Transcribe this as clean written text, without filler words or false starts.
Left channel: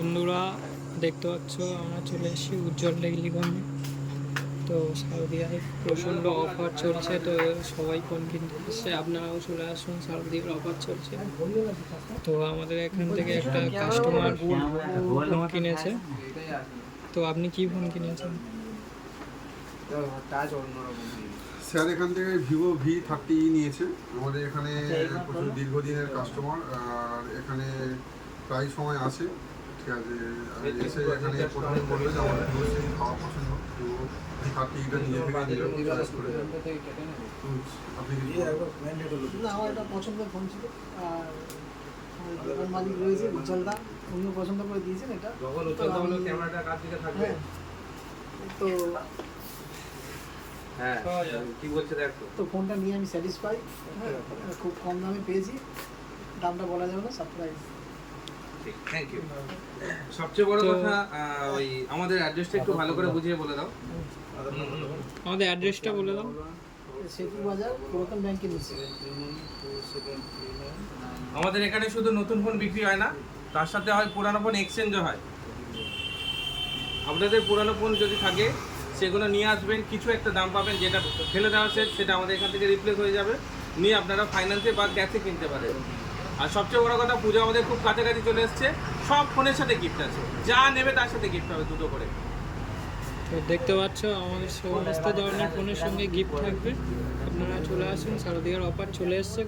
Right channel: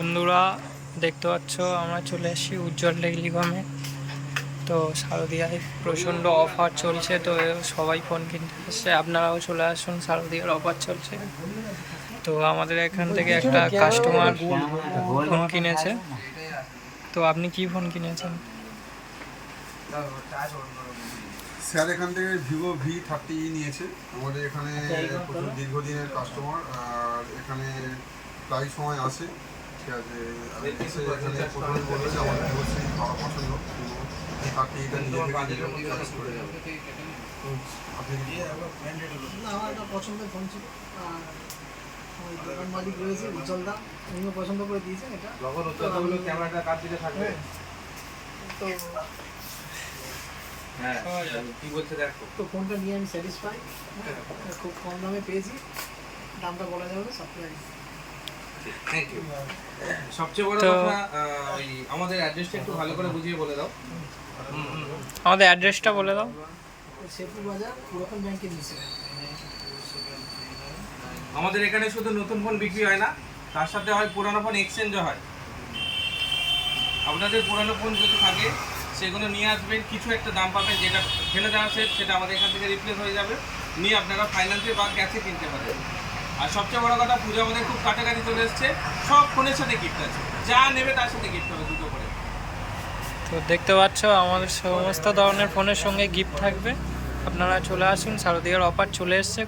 বন্ধুরা দেখতে পাচ্ছ আমরা চলে এসেছি উজ্জ্বল টেলিকমে। তো শারদিয়ায় প্রচণ্ড অফার চলছে, তো সবাই ফোন কিনতে এসছে, আপনারাও চলে আসুন, শারদিয়ার অফার চলছে। তো আমাদের এখান থেকে একটা কাস্টমার ফোন কিনেছে। তো আপনি কি ফোন কিনেছেন? স্যার এখান থেকে ভিভো V30 নিয়েছে। আমাদের এখানে প্রচুর দীর্ঘদিনের কাস্টমার, আর এখানে প্রায় সময় আসে। ঠিক আছে, আর এসে এখানে প্রথমে বললো যে আমার ভিভো সিম খাওয়া পছন্দ, ভিভো V30টা নিজে থেকে নিল চয়েস করে। আপনি কি আমার একটা পছন্দের ফোন ছিল, আর আমার দোকান মালিক রয়েছে উজ্জ্বলদা, উনিও পছন্দ করে দিয়েছেন এটা। যখন উজ্জ্বলদা বললো ক্যামেরাটা কার দিকে থাকবে, তো হ্যাঁ কি বলছে দেখো। তো ফোনটা নিয়ে আমি স্যাটিসফাই, খুব কম দামে পেয়েছি, দামটা বলা যাবে না, সারপ্রাইজ। Thank you. সবচেয়ে বড় কথা ওই আমাদের অ্যাড্রেসটা একটু ভালো করে বুঝিয়ে বলে দাও। আমাদের অ্যাড্রেসটা বলে দাও। সেতু বাজার পুরাতন ব্যাংকের নিচে। আমাদের এখানে শুধু নতুন ফোন বিক্রি হয় না, তার সাথে হয় পুরানো ফোন এক্সচেঞ্জও হয়। আপনাদের পুরানো ফোন যদি থাকে সেগুলো নিয়ে আসবেন, কিছু একটা দাম পাবেন, যেটা ফেলে দেওয়া সেট সেটা আমাদের এখান থেকে রিপ্লেস হয়ে যাবে, নিয়ে আপনারা ফাইন্যান্সে বা ক্যাশে কিনতে পারেন। আর সবচেয়ে বড় কথা, পুজো আমাদের খুব কাছাকাছি চলে এসছে, সব ফোনের সাথে গিফট আছে, যা নেবে তার সাথে গিফট হবে দুটো করে। তো দেখতে পাচ্ছ আমাদের সমস্ত ধরনের ফোনের সঙ্গে গিফট থাকবে। আপনারা চলে আসুন, শারদিয়ার অফার চলে এসছে।